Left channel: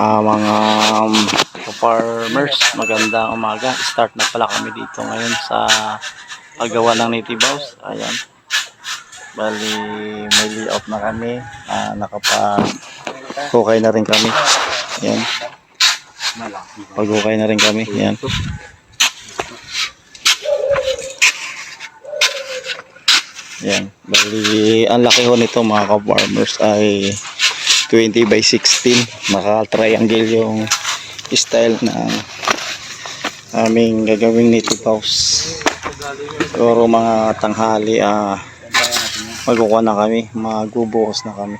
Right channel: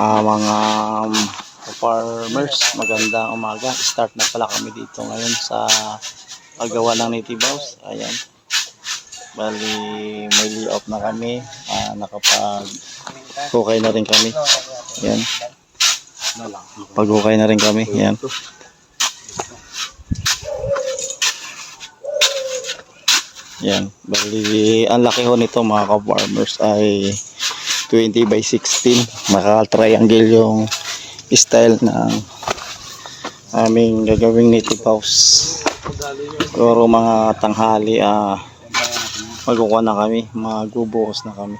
Mga farmers, magandang umaga. Start na pala kami dito ngayon sa paggawa ng native house. Ayan. Bali, may layout na kami. Nakapag-hukay na rin kami. Ayan. Pag-hukay na rin kami. Ayan. Ayan. Bali, ang laki ho nito mga ka-farmers ay 20 by 16. Naka-triangle yung style ng aming gagawing native house. Siguro mga tanghali magkukuha na kami, magbubuhos na kami.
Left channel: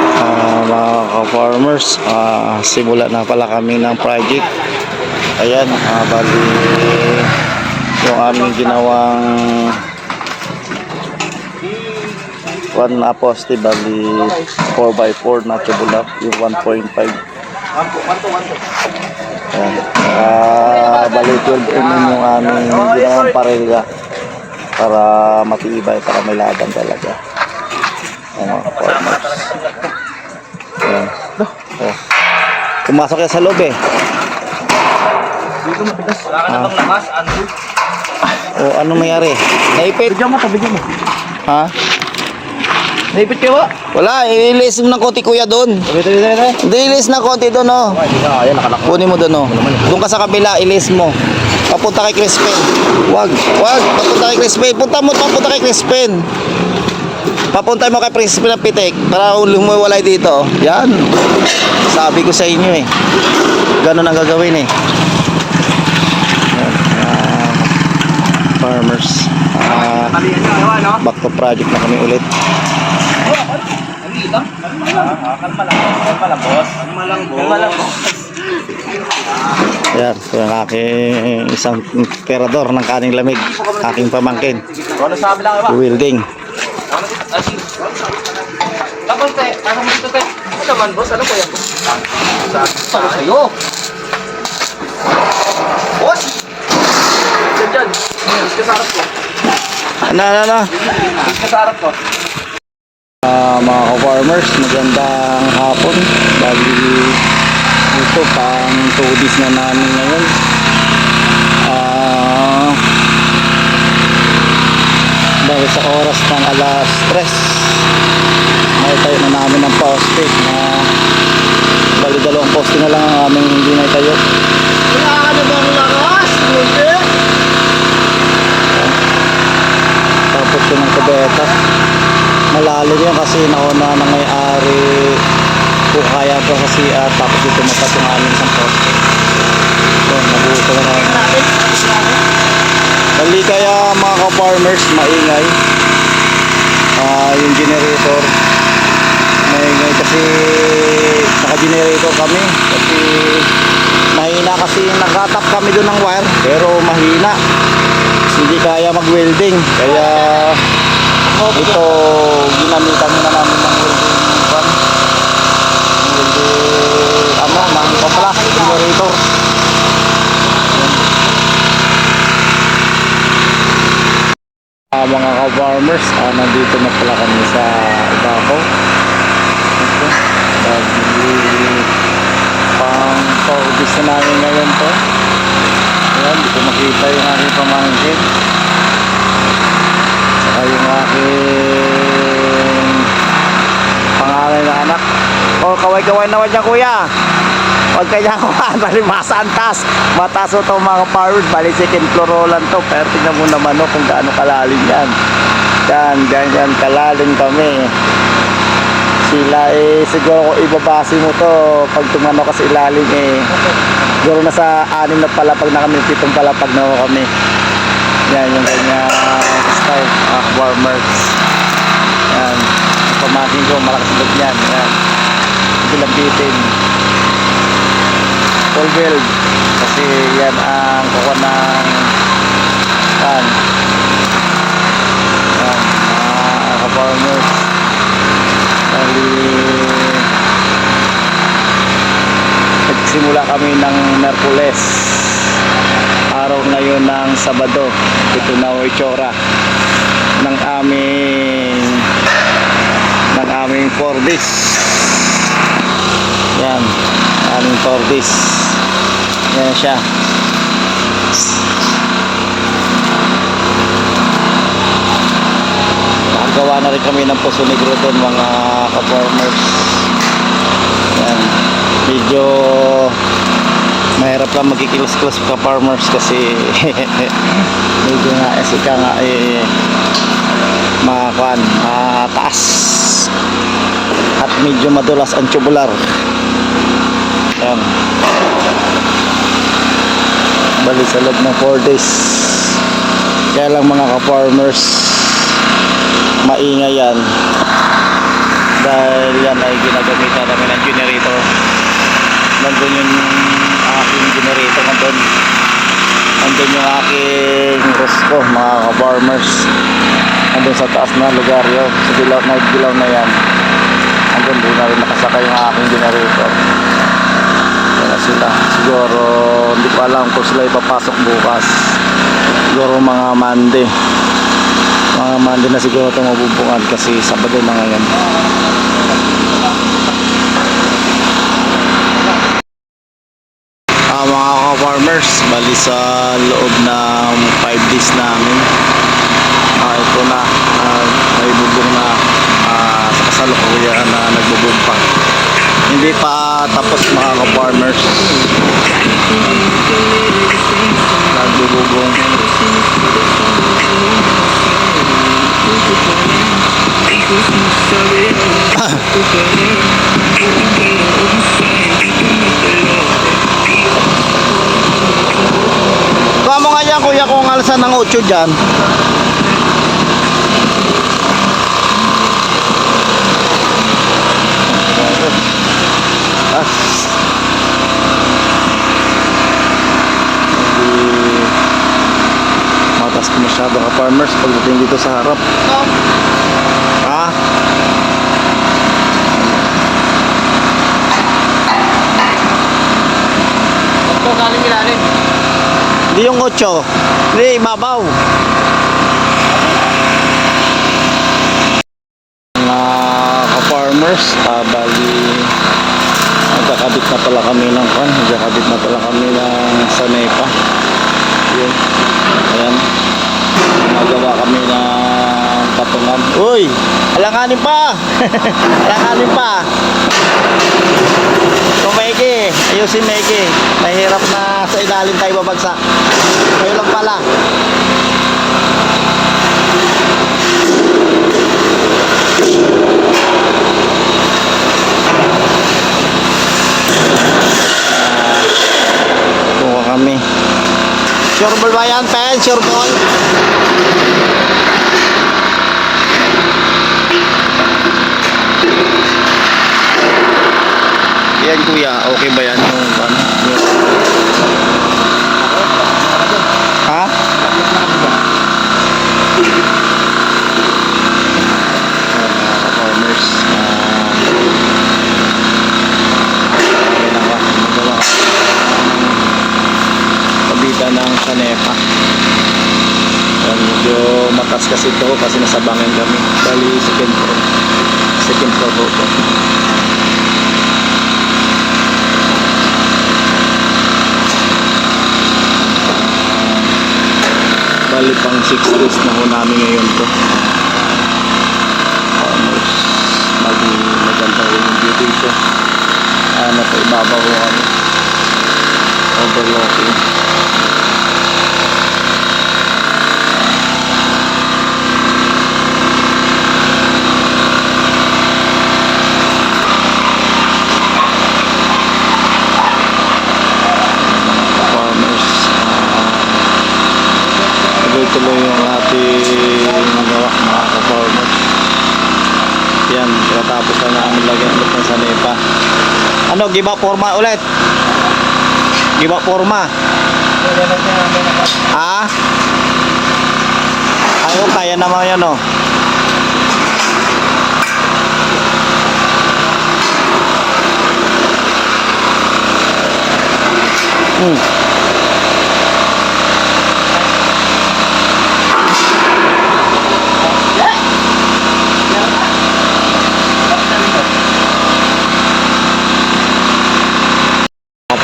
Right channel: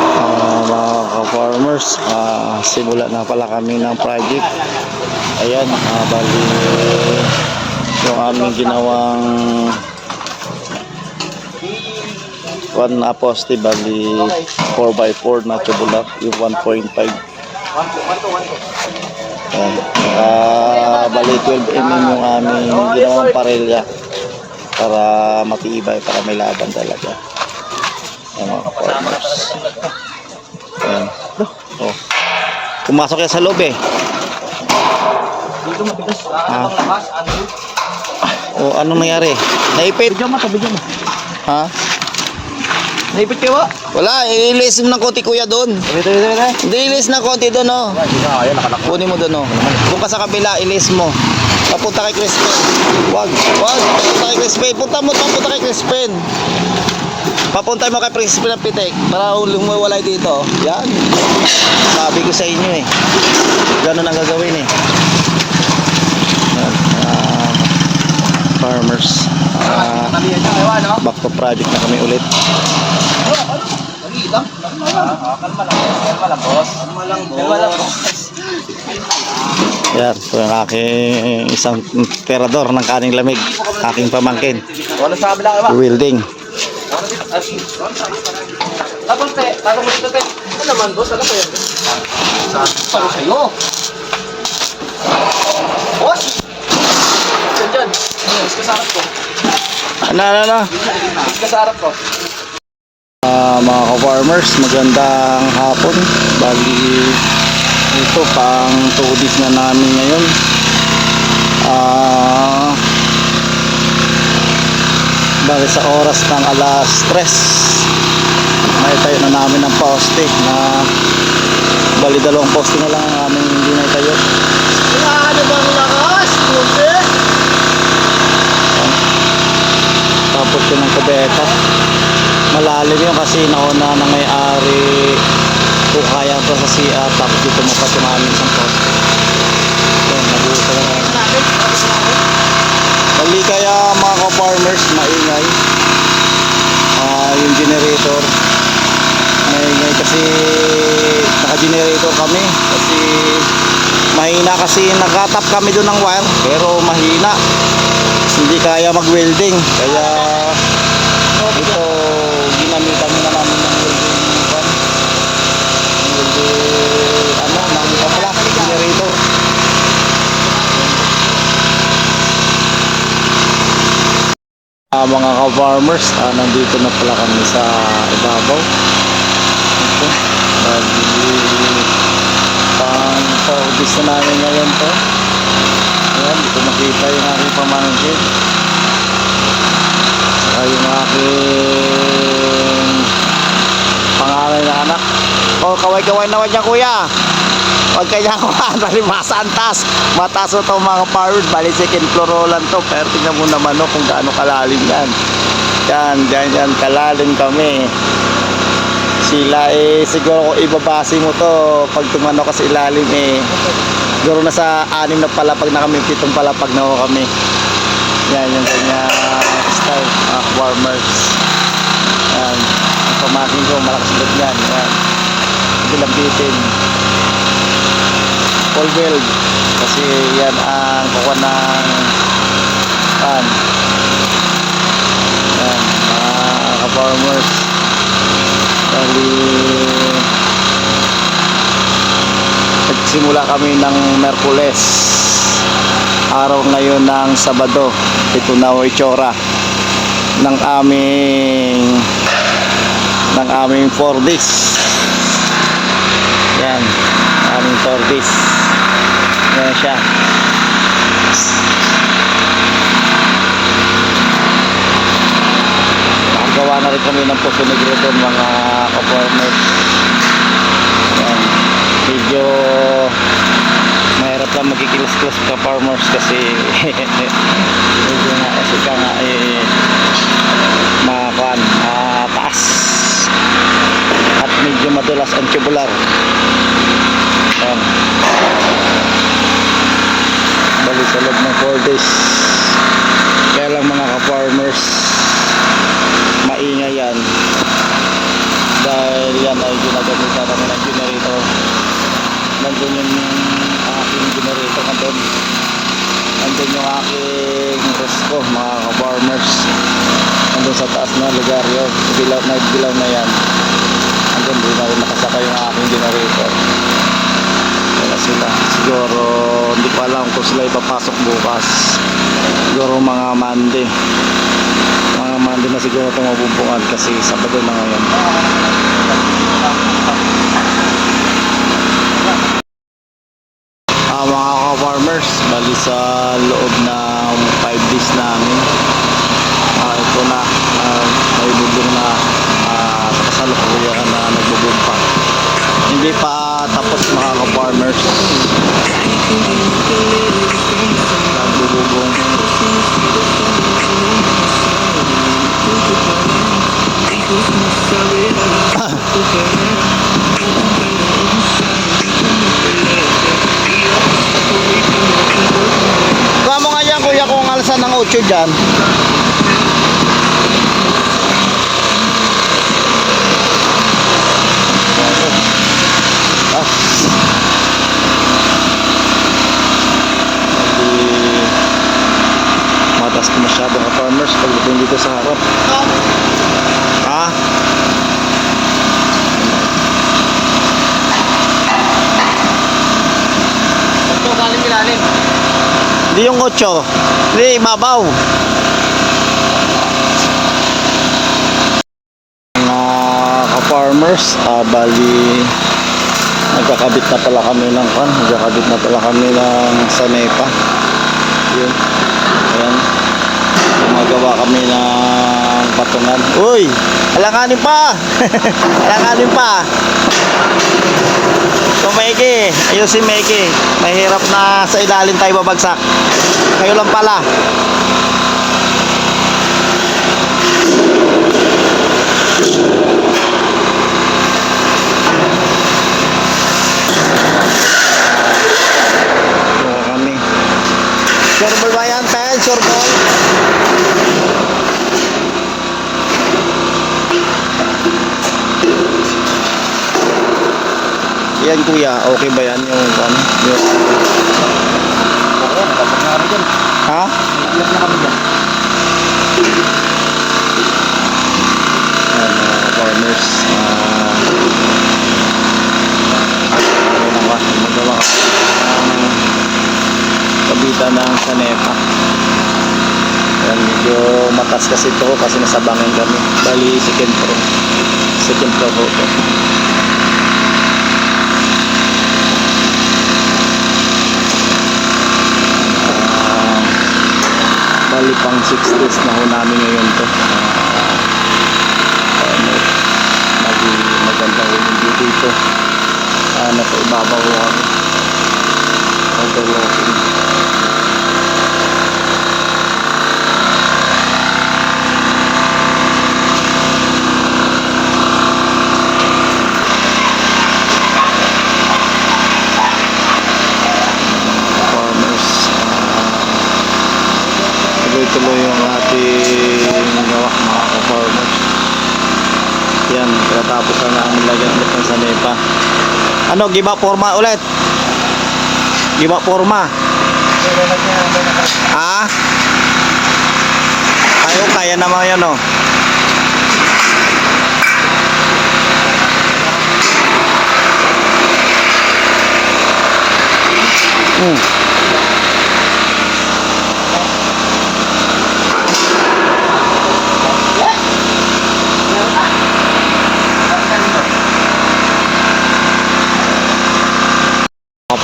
Mga ka-farmers, simula na pala kami ng project. Ayan, bali yung aming ginawang one poste, bali 4x4 na tubular, yung 1.5. Ayan. Bali 12 mm yung aming ginawang parelya para matibay, para may laban talaga. Ayan mga farmers. Ayan. Oh. Pumasok yan sa loob eh. Dito matigas. Oh, anong nangyari? Naipit? Bigyan mo. Ha? Naipit ka ba? Wala, ilis mo ng konti kuya doon. Dito. Hindi, ilis ng konti doon, oh. Kunin mo doon, oh. Doon ka sa kabila, ilis mo. Papunta kay Crispin. Wag. Papunta kay Crispin. Punta kay Crispin. Papunta mo kay Crispin ng pitik para lumiwalay dito. Yan. Sabi ko sa inyo eh. Ganun ang gagawin eh. Yan. Farmers. Back to project na kami ulit. Kalma lang, boss. Yan, ito yung aking isang terador ng kaning lamig, aking pamangkin. Ano sabi lang ba? Welding. Tapos te, ano dito te? Ano naman, boss? Ano ko yan? Saan sa'yo? Boss! Diyan. Mas kasarap ko. Ano? Mas kasarap ko. Mga ka-farmers, magandang hapon. Bali, ito pang 2 days na namin ngayon. Bali sa oras ng alas 3, may tayo na namin ng poste na bali 2 poste na lang ang aming hindi na tayo. Ano ba ang lakas? Tapos yun ang kubeta, malalim yun kasi nauna ng may-ari kung kaya pa sa CR, tapos dito mapat yung aming isang poste. Yun, nabuto na namin. Bali kaya mga ka-farmers, maingay yung generator. Maingay kasi naka-generator kami kasi mahina, kasi nakatap kami doon ng wire pero mahina, hindi kaya mag-welding, kaya ito ginamitan na namin ng welding ng kapla generator. Mga ka-farmers, nandito na pala kami sa ibabaw. Ito, pang paubis na namin ngayon to. Ayan, di ko makita yung aking pamangkin saka yung aking panganay na anak. Oh, kaway-kaway naman dyan kuya. Huwag kanya kuhaan, bali masantas. Mataas o ito mga farmers, bali second floor lang to. Pero tingnan mo naman kung gaano kalalim yan. Yan, kalalim kami. Sila siguro kung ibabase mo to, pag tumano ka sa ilalim siguro nasa 6 na palapag na kami, 7 palapag na kami. Yan yung kanya style, mga farmers. Yan, ang pamakin ko, malakas loob yan. Yan, bilambitin full build kasi yan ang kukuha ng pan. Yan, mga ka-farmers, bali nagsimula kami ng Merkules, araw ngayon ng Sabado. Ito na ang itsura ng aming 4 days Yan, aming tortoise. Yan siya. Nakagawa na rin kami ng Poso Negro doon mga ka-farmers. Yan, medyo mahirap lang magkikilos-kilos ka-farmers kasi medyo nga kasi ka nga makakuan, taas at medyo madulas ang tubular. Yan, bali sa loob ng 4 days. Kaya lang mga ka-farmers, maingay yan dahil yan ay ginagamitan namin ng generator. Nandun yung aking generator, nandun yung aking Rosco mga ka-farmers, nandun sa taas na lugar yun, sa dilaw na yan, nandun doon na rin nakasakay yung aking generator. Yan na sila. Siguro hindi ko alam kung sila ipapasok bukas, siguro mga Monday na siguro ito mabubungan kasi Sabado na ngayon. Mga ka-farmers, bali sa loob ng 5 days namin, ito na, may bubong na, sa kasalukuyan na nagbubong pa. Hindi pa tapos mga ka-farmers, nagbubong. Kuha mo nga yan kuya kung alsan ng 8 dyan. Hindi matas ko masyado ka farmers pagdating dito sa harap. Ha? Ito, galing ilalim. Hindi yung 8. Hindi, mabaw. Mga ka-farmers, bali nagkakabit na pala kami ng sanepa. Yun. Ayan. Magawa kami ng patungan. Uy! Alanganin pa! Alanganin pa! So Meki, ayusin Meki. Mahirap na sa ilalim tayo babagsak. Kayo lang pala. Buka kami. Sure ball ba yan, Pen? Sure ball? Yan kuya, okay ba yan yung ano? Ha? Mga ka-farmers, magawa kabitan ng sanepa. Yan, medyo matas kasi ito kasi nasabangan kami. Bali second floor to. Bali pang 6 days na ho namin ngayon to. Farmers, maganda ho yung view dito. Nasa ibabaw ho kami, overlooking. Tuloy yung ating gawa mga ka-farmers. Yan, katapos na namin lagyan ulit ng sanepa. Ano, giba forma ulit? Giba forma? Ha? Ayo, kaya naman yan o.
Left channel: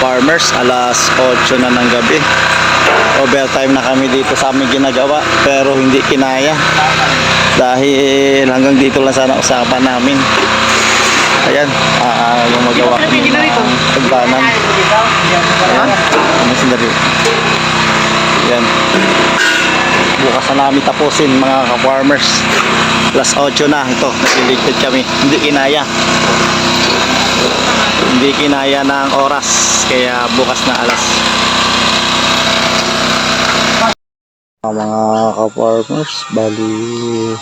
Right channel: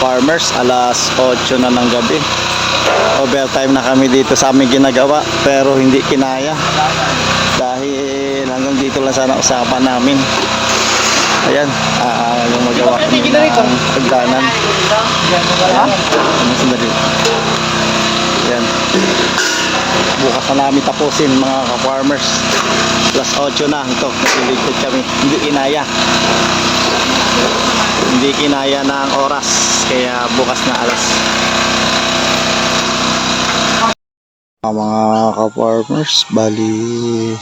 ka-farmers, alas 8 na ng gabi. Overtime na kami dito sa aming ginagawa, pero hindi kinaya. Dahil hanggang dito lang sana usapan namin. Ayan, yung magawa kami ng hagdanan. Ayan, sandali. Ayan. Bukas na namin tapusin mga ka-farmers. Alas 8 na ito, nasiligpit kami. Hindi kinaya. Hindi kinaya ng oras, kaya bukas na alas. Mga ka-farmers, bali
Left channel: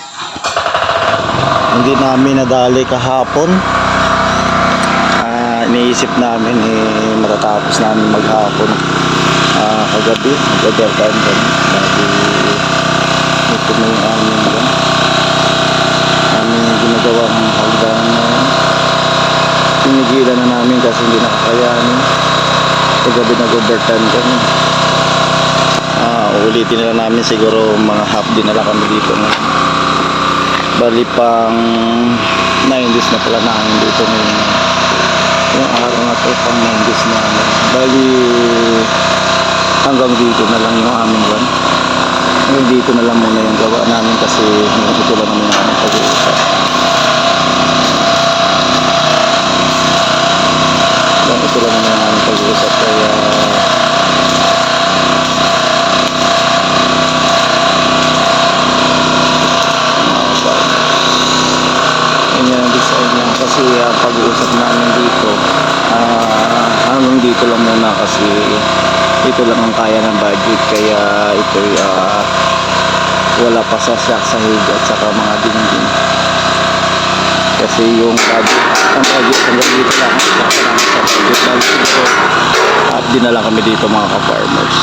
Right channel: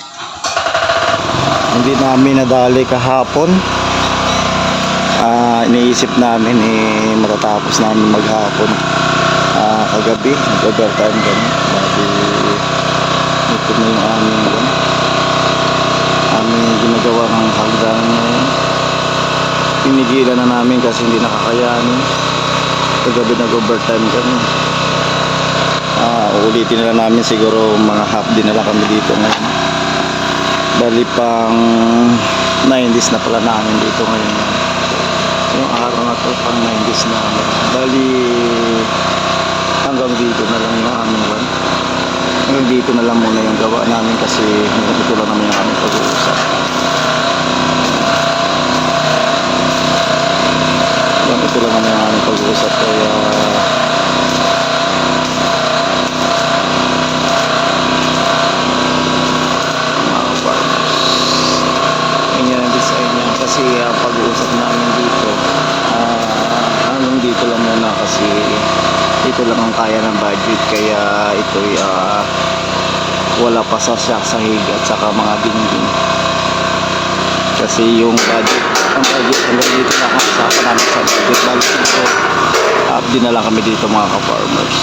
hindi namin nadali kahapon. Iniisip namin matatapos namin maghapon kagabi, mag-overtime din. Bali ito na yung aming ginagawa ng hagdanan ngayon. Pinigilan na namin kasi hindi nakakayanin. Kagabi nag-overtime kami. Ulitin na namin siguro mga half din na lang kami dito ngayon. Bali pang 9 days na pala namin dito ngayon. Yung araw na to pang 9 days na namin. Bali hanggang dito na lang yung aming one. Hanggang dito na lang muna yung gawa namin kasi ito lang naman yung aming pag-uusap. Ito lang naman yung aming pag-uusap, kaya kasi pag-uusap namin dito hanggang dito lang muna kasi ito lang ang kaya ng budget, kaya ito'y wala pa sa shock sa higa at saka mga dingding kasi yung budget, ang budget hanggang dito lang ang usapan namin sa budget. Balik ito, up din na lang kami dito mga ka-farmers.